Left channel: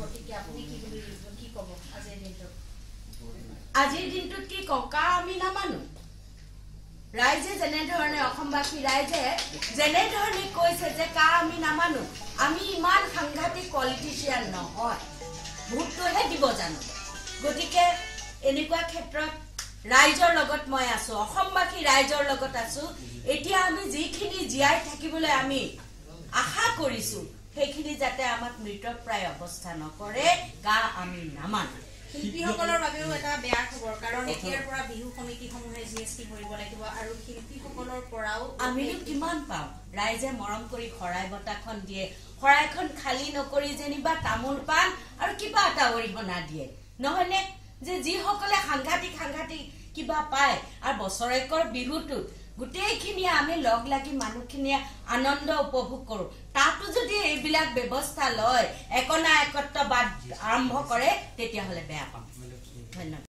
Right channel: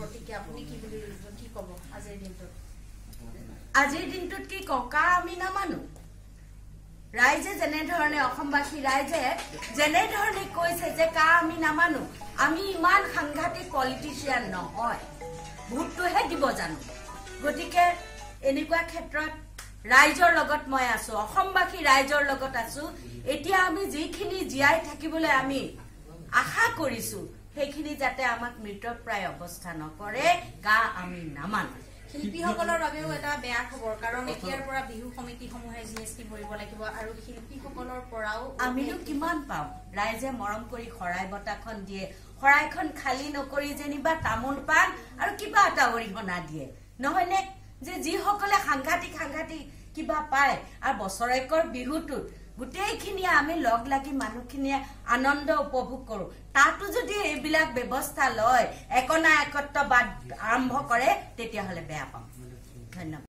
প্ৰতিক্ৰিয়া আপুনি কি ক'ব আজিৰ দিনটোত? আজিৰ দিনটোত কি কওঁ, কা আমি নামানো। ৰাইজে যেনেধৰণে অসমবাসী ৰাইজে যেনেধৰণে কৈছে যে কা আমি নামানো, আমি ইমান সাংঘাতিক পলিটিচিয়ান নহয়, ভোটটোহে দিব জানো। গতিকে এনেকুৱা ক্ষেত্ৰত ৰাইজৰ লগত মই আছো, অসমবাসী ৰাইজৰ লগত আছো। এতিয়া আমি যিখিনি জীয়াই থাকিবলৈ আমি আশা কৰিছো সেইখিনি যাতে আমাক মৃতপ্ৰায় অৱস্থা নকৰে, কা আমি নামানো। শিল্পীসকলৰ বাবেও এটা বেয়া খবৰ, কাৰণ এতিয়াৰ পৰা বিহু সমিতিসমূহে GST ভৰিব লাগিব আৰু শিল্পীসকলৰ পৰাও আমিনো কিমান পাওঁ। ৰাইজে মৰম কৰি শৰাই বঁটাখন দিয়ে, শৰাইখন খালী নকৰি যেনিবা তামোল পাণ আৰু কিবা এটা অৰিহণা দিয়ে, নহয়নে? যে যিসকলে সাংঘাতিক কিবা পায় আৰু বছৰেকৰ বিহুটোত গোটেইখিনিয়ে আমি লগ লাগি মানুহখিনিয়ে আনন্দ উপভোগ কৰো, তাতো যদি এইবিলাক ব্যৱস্থা লয়, একনা একত্ববাদ আৰম্ভ কৰে, তেতিয়াহ'লে বেয়া পাম। ধন্যবাদ।